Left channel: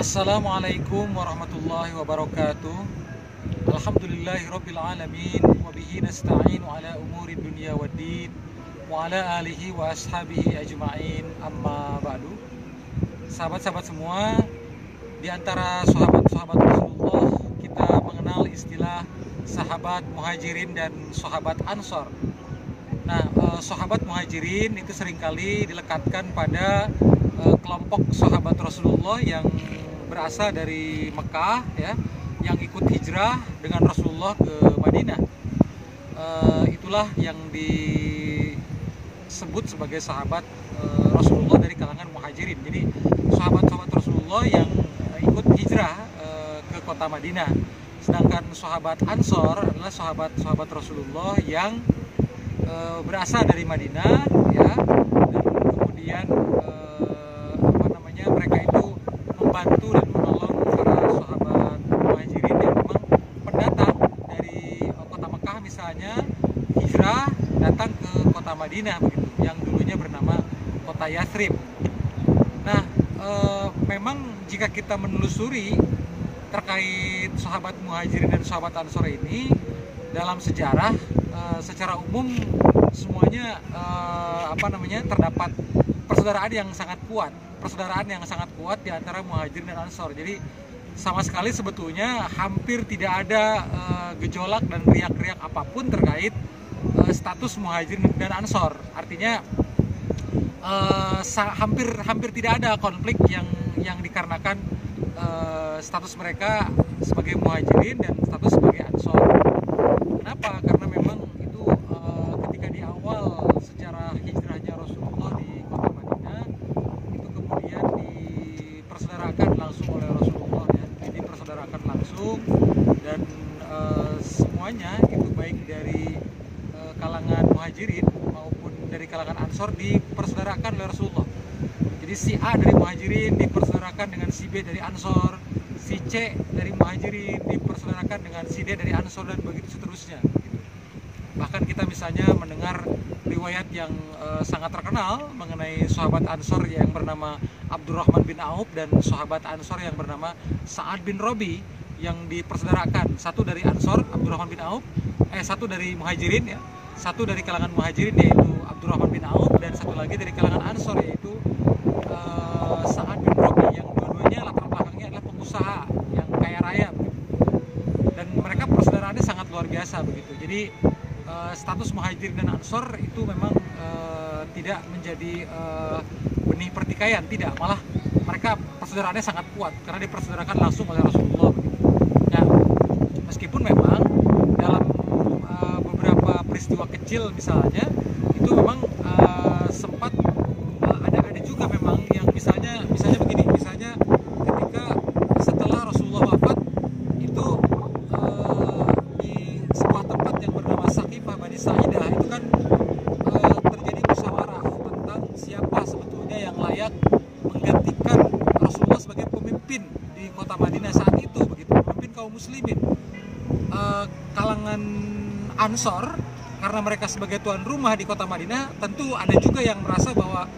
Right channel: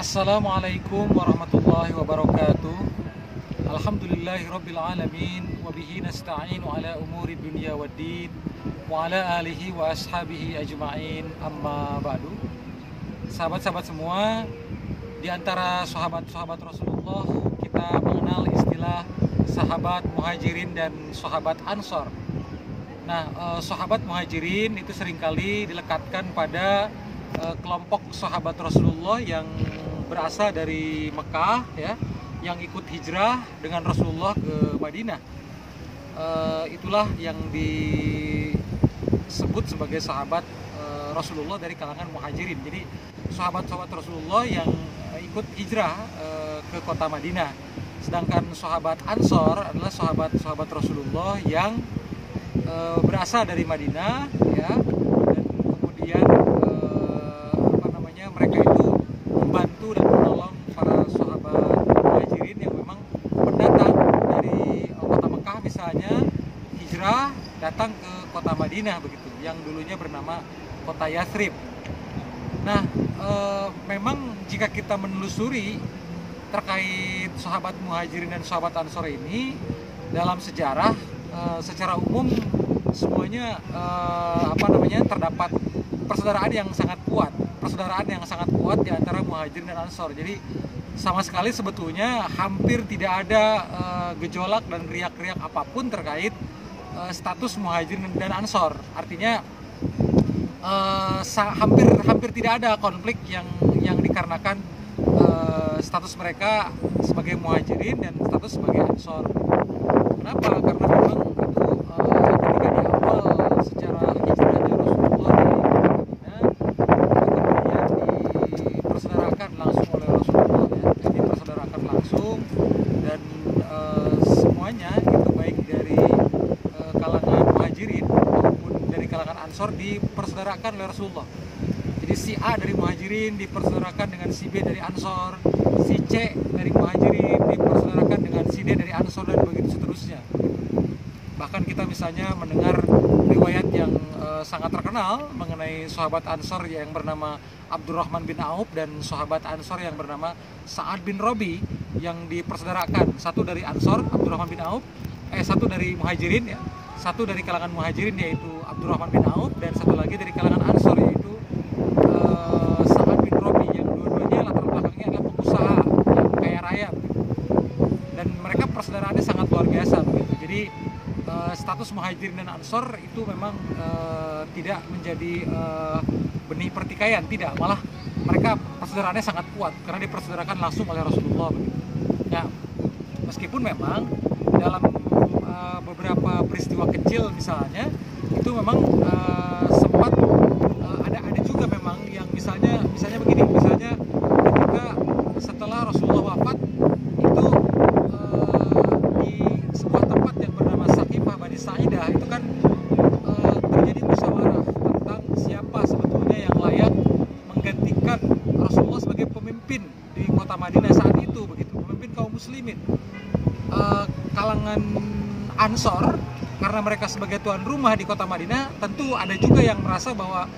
Assalamualaikum warahmatullahi wabarakatuh. Alhamdulillahirrabbilalamin. Wabihi nasta'inu ala umuri dunia waddin. Wa ala alihi wa ashabihi ajma'in. Amma ba'du. Sahabat-sahabat semua, di antara sahabat-sahabat Rasulullah, kita mengenal istilah sahabat muhajirin dan sahabat ansor. Nah, sahabat muhajirin itu seringkali dilekatkan pada kelompok sahabat Rasulullah yang berasal dari Mekah, ya, yang ikut hijrah dengan Rasulullah ke Madinah. Itulah yang disebut sebagai sahabat Rasulullah dari kalangan muhajirin. Jadi sahabat-sahabat Rasulullah yang ikut hijrah ke kota Madinah. Sedangkan sahabat Ansor adalah sahabat-sahabat Rasulullah yang berasal dari Madinah, ya, dan kemudian mereka itu membantu dan menolong para sahabat muhajirin yang memang pendatang dari kota Mekah misalnya, hijrah datang ke kota Madinah begitu, yang dulunya bernama kota Yathrib. Nah, memang jika kita menelusuri terkait sahabat muhajirin dan sahabat ansor ini dalam sejarah, secara umum semuanya terdapat persaudaraan yang sangat kuat di antara muhajirin dan ansor. Jadi sama sekali sebetulnya hampir tidak ada gejolak dan riak-riak apapun terkait status muhajirin dan ansor. Artinya hampir tidak ada konflik yang dikarenakan status mereka sebagai muhajirin dan status sebagai ansor. Kenapa? Karena memang itu ketika di awal sejarah hijrahnya Rasulullah di kota Madinah, itu kemudian dipersaudarakan langsung oleh Rasulullah, ya, dipersaudarakan langsung, dan semuanya itu baik dari kalangan muhajirin maupun dari kalangan ansor dipersaudarakan oleh Rasulullah. Jadi si A dari muhajirin dipersaudarakan dengan si B dari ansor, si C dari muhajirin dipersaudarakan dengan si D dari ansor, dan begitu seterusnya. Bahkan kita misalnya mendengar riwayat yang sangat terkenal mengenai sahabat ansor yang bernama Abdurrahman bin Auf dan sahabat ansor yang bernama Sa'ad bin Robi, yang dipersaudarakan, satu dari ansor Abdurrahman bin Auf, satu dari muhajirin, ya, satu dari kalangan muhajirin yaitu Abdurrahman bin Auf, dan satu lagi dari kalangan ansor yaitu Sa'ad bin Robi, yang dua-duanya latar belakangnya adalah pengusaha yang kaya raya begitu. Dan mereka persaudaraannya sangat luar biasa begitu. Jadi status muhajirin dan ansor itu memang tidak menjadi benih pertikaian, tidak, malah mereka persaudaraannya sangat kuat karena dipersaudarakan langsung oleh Rasulullah begitu. Ya, meskipun memang dalam beberapa peristiwa kecil misalnya itu memang sempat ada juga memang yang misalnya begini, misalnya ketika setelah Rasulullah wafat itu di sebuah tempat yang bernama Saqifah Bani Sa'idah itu kan terjadi musyawarah tentang siapa sebetulnya yang layak menggantikan Rasulullah sebagai pemimpin di kota Madinah saat itu begitu, pemimpin kaum muslimin. Kalangan ansor, karena mereka sebagai tuan rumah di kota Madinah, tentu ada juga yang merasa bahwa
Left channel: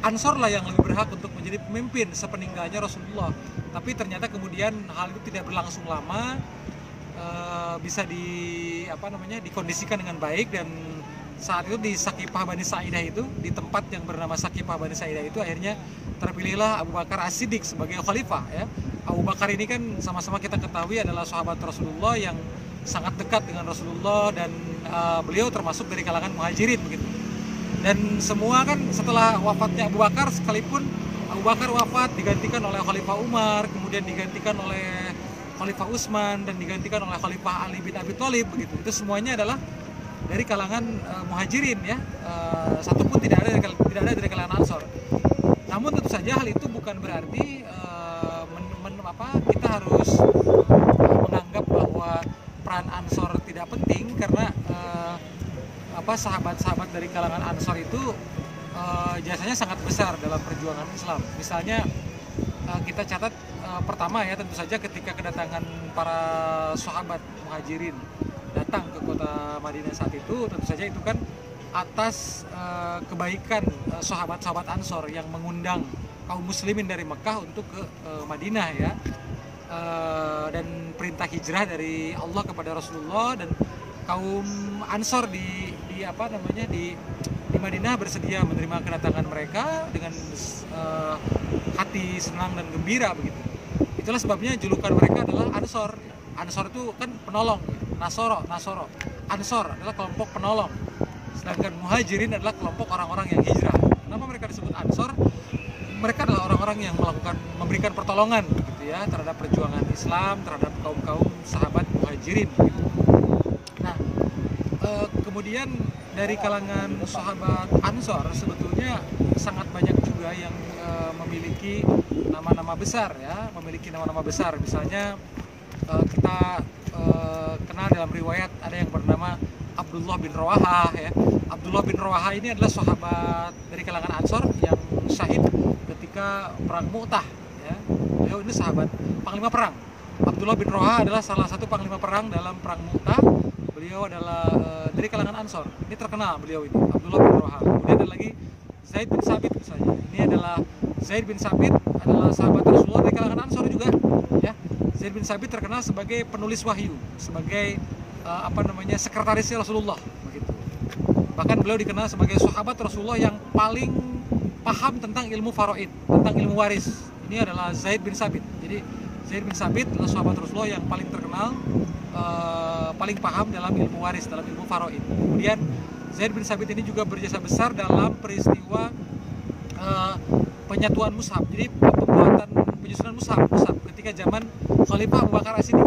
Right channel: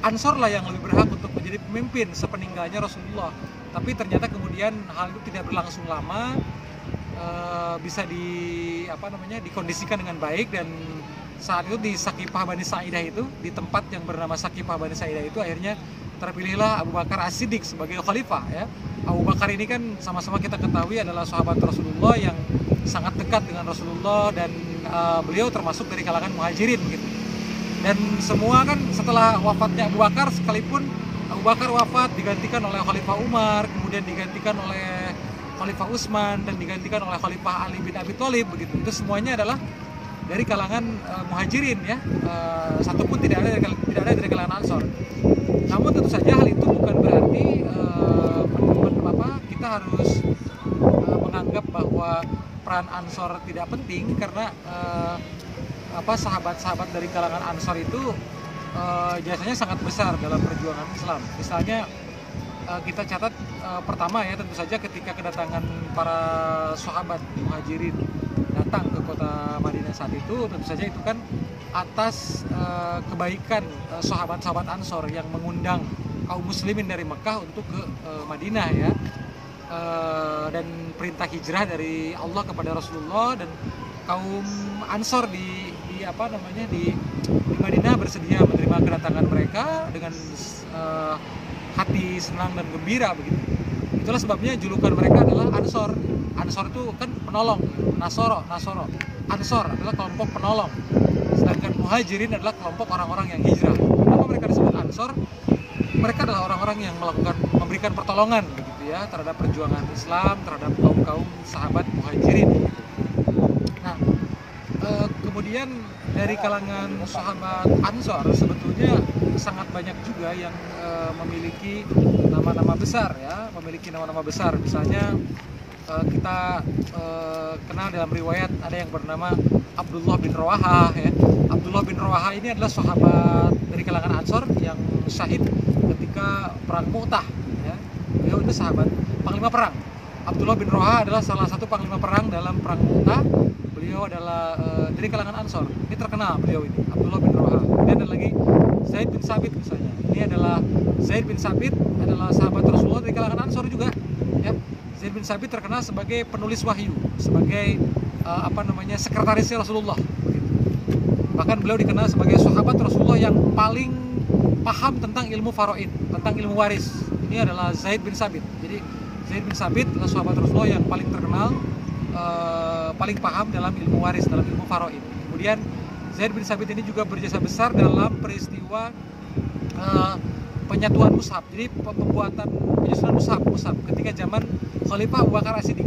ansor lah yang lebih berhak untuk menjadi pemimpin sepeninggalnya Rasulullah. Tapi ternyata kemudian hal itu tidak berlangsung lama, bisa dikondisikan dengan baik, dan saat itu di Saqifah Bani Sa'idah itu, di tempat yang bernama Saqifah Bani Sa'idah itu, akhirnya terpilihlah Abu Bakar As-Siddiq sebagai khalifah, ya. Abu Bakar ini kan sama-sama kita ketahui adalah sahabat Rasulullah yang sangat dekat dengan Rasulullah, dan beliau termasuk dari kalangan muhajirin begitu. Dan semua kan setelah wafatnya Abu Bakar, sekalipun Abu Bakar wafat digantikan oleh Khalifah Umar, kemudian digantikan oleh Khalifah Utsman, dan digantikan oleh Khalifah Ali bin Abi Thalib begitu. Itu semuanya adalah dari kalangan muhajirin, ya. Satupun tidak ada dari kalangan ansor. Namun tentu saja hal itu bukan berarti kita harus menganggap bahwa peran ansor tidak penting, karena sahabat-sahabat dari kalangan ansor itu jasanya sangat besar dalam perjuangan Islam. Misalnya kita catat pertama, ya, tentu saja ketika kedatangan para sahabat muhajirin datang ke kota Madinah saat itu, tentu saja itu kan atas kebaikan sahabat-sahabat Ansor yang mengundang kaum muslimin dari Mekah untuk ke Madinah ya. Dan perintah hijrah dari Allah kepada Rasulullah, dan kaum Ansor di Madinah bersedia menerima kedatangan mereka dengan hati senang dan gembira begitu. Itulah sebabnya julukan mereka adalah Ansor. Ansor itu kan penolong, Nasoro. Ansor adalah kelompok penolong. Sedangkan Muhajirin adalah kelompok orang-orang yang hijrah. Kenapa mereka disebut Ansor? Mereka adalah orang-orang yang memberikan pertolongan begitu ya terhadap perjuangan Islam, terhadap kaum sahabat Muhajirin gitu. Nah, kemudian dari kalangan sahabat Ansor sebetulnya sangat banyak juga yang memiliki nama-nama besar ya, misalnya kita kenal dalam riwayat ada yang bernama Abdullah bin Rawahah ya. Abdullah bin Rawahah ini adalah sahabat dari kalangan Ansor yang syahid ketika perang Mu'tah ya. Beliau ini sahabat panglima perang. Abdullah bin Rawahah adalah salah satu panglima perang dalam perang Mu'tah. Beliau adalah dari kalangan Ansor. Ini terkenal beliau ini, Abdullah bin Rawahah. Kemudian ada lagi Zaid bin Sabit misalnya. Ini adalah Zaid bin Sabit adalah sahabat Rasulullah dari kalangan Ansor juga ya. Zaid bin Sabit terkenal sebagai penulis wahyu, sebagai sekretarisnya Rasulullah begitu. Bahkan beliau dikenal sebagai sahabat Rasulullah yang paling paham tentang ilmu faraid, tentang ilmu waris. Ini adalah Zaid bin Sabit. Jadi Zaid bin Sabit adalah sahabat Rasulullah yang paling terkenal, paling paham dalam ilmu waris, dalam ilmu faraid. Kemudian Zaid bin Sabit ini juga berjasa besar dalam peristiwa penyatuan mushaf. Jadi penyusunan mushaf ketika zaman Khalifah Abu Bakar As-Siddiq.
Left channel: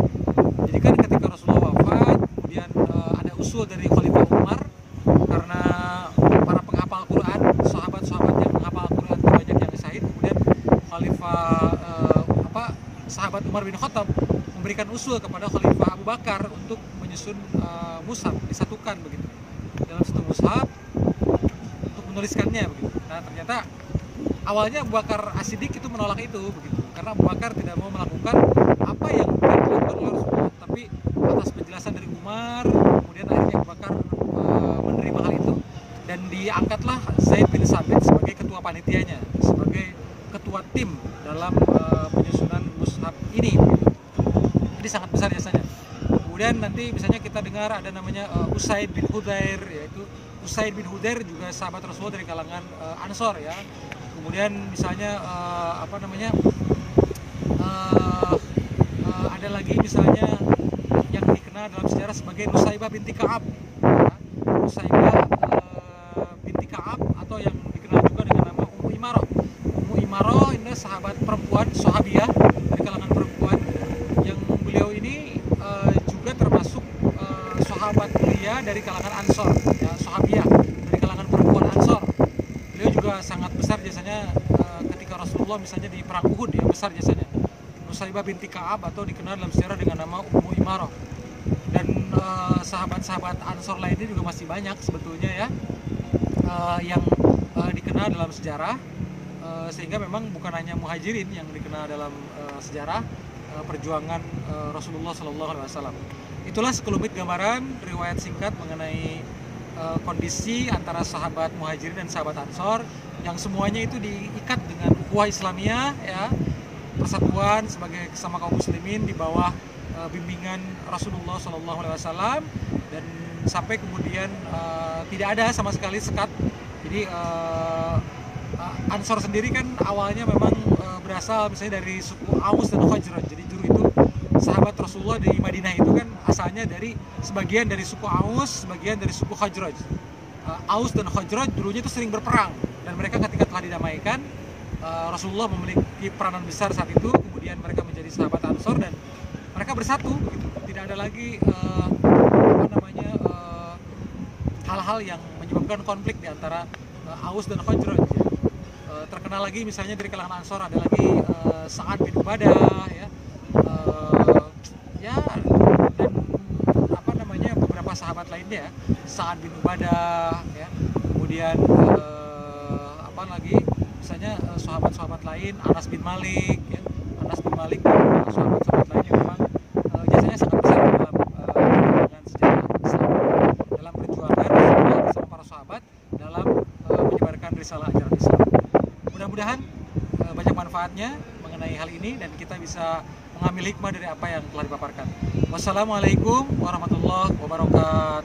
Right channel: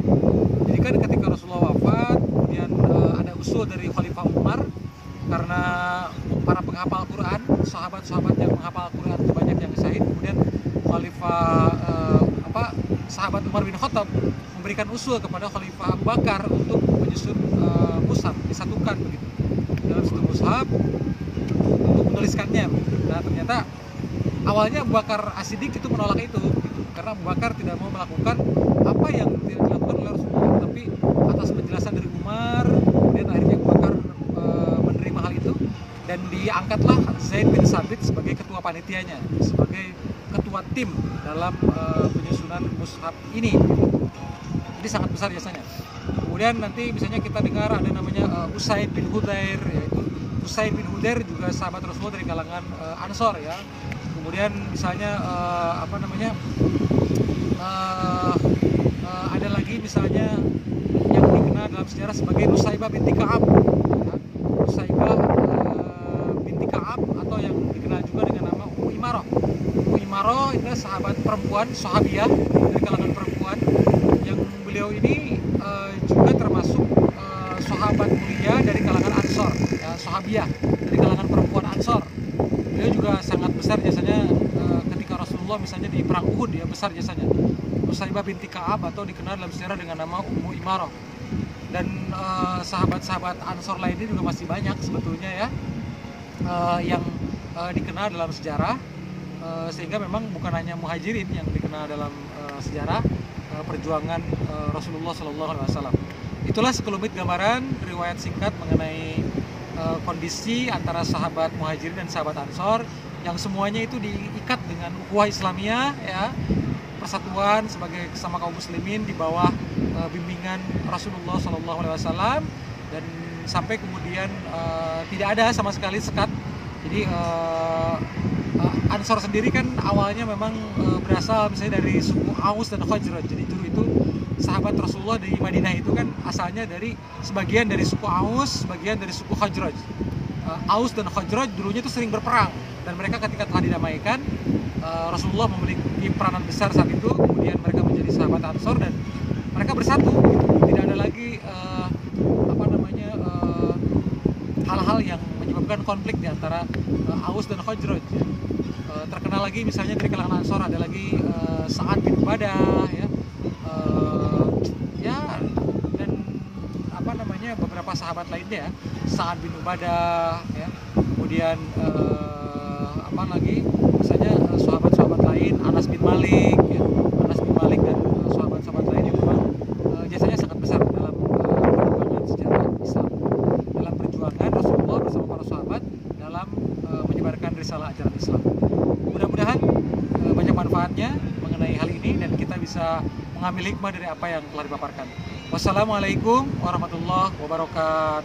Jadi kan ketika Rasulullah wafat, kemudian ada usul dari Khalifah Umar, karena para penghafal Quran, sahabat-sahabat yang menghafal Quran itu banyak yang syahid. Kemudian sahabat Umar bin Khattab memberikan usul kepada Khalifah Abu Bakar untuk menyusun mushaf, disatukan begitu dalam satu mushaf untuk menuliskannya begitu. Nah, ternyata awalnya Abu Bakar As-Siddiq itu menolak itu begitu, karena Abu Bakar tidak mau melakukan apa yang dilakukan oleh Rasulullah. Tapi atas penjelasan dari Umar, kemudian akhirnya Abu Bakar menerima hal itu, dan diangkatlah Zaid bin Sabit sebagai ketua panitianya, sebagai ketua tim dalam penyusunan mushaf ini. Jadi sangat besar jasanya. Kemudian nanti misalnya kita dengar ada namanya Usaid bin Hudair, yaitu Usaid bin Hudair juga sahabat Rasulullah dari kalangan Ansor ya. Kemudian misalnya ada lagi misalnya yang dikenal dalam sejarah sebagai Nusaibah binti Ka'ab ya. Nusaibah binti Ka'ab, atau yang dikenal juga dengan nama Ummu Imarah. Ummu Imarah ini sahabat perempuan, sahabiah dari kalangan perempuan, yang beliau ini juga termasuk sahabat mulia dari kalangan Ansor ya, sahabiah dari kalangan perempuan Ansor. Beliau juga sangat besar jasanya ketika Rasulullah misalnya di perang Uhud, ya besar jasanya. Nusaibah binti Ka'ab, atau dikenal dalam sejarah dengan nama Ummu Imarah. Dan sahabat-sahabat Ansor lainnya juga masih banyak sebetulnya ya, yang dikenal dalam sejarah, sehingga memang bukan hanya Muhajirin yang dikenal dalam sejarah perjuangan Rasulullah SAW. Itulah sekelumit gambaran riwayat singkat mengenai kondisi antara sahabat Muhajirin dan sahabat Ansor, yang semuanya itu diikat dengan ukhuwah Islamiyah ya, persatuan sebagai sesama kaum muslimin di bawah bimbingan Rasulullah SAW, dan sampai kemudian tidak ada sama sekali sekat. Jadi Ansor sendiri kan awalnya memang berasal misalnya dari suku Aus dan Khazraj. Jadi dulu itu sahabat Rasulullah di Madinah itu kan asalnya dari sebagian dari suku Aus, sebagian dari suku Khazraj. Aus dan Khazraj dulunya itu sering berperang, dan mereka ketika telah didamaikan, Rasulullah memiliki peranan besar saat itu. Kemudian mereka menjadi sahabat Ansor dan mereka bersatu gitu. Tidak ada lagi hal-hal yang menyebabkan konflik di antara Aus dan Khazraj ya. Terkenal lagi misalnya dari kalangan Ansor ada lagi Sa'ad bin Ubadah ya, dan beberapa sahabat lainnya, Sa'ad bin Ubadah ya. Kemudian misalnya sahabat-sahabat lain, Anas bin Malik ya. Anas bin Malik dan sahabat-sahabat lain yang memang jasanya sangat besar dalam perjuangan sejarah Islam, dalam perjuangan Rasulullah bersama para sahabat dalam menyebarkan risalah ajaran Islam. Mudah-mudahan kali ini dan kita bisa mengambil hikmah dari apa yang telah dipaparkan. Wassalamualaikum warahmatullahi wabarakatuh.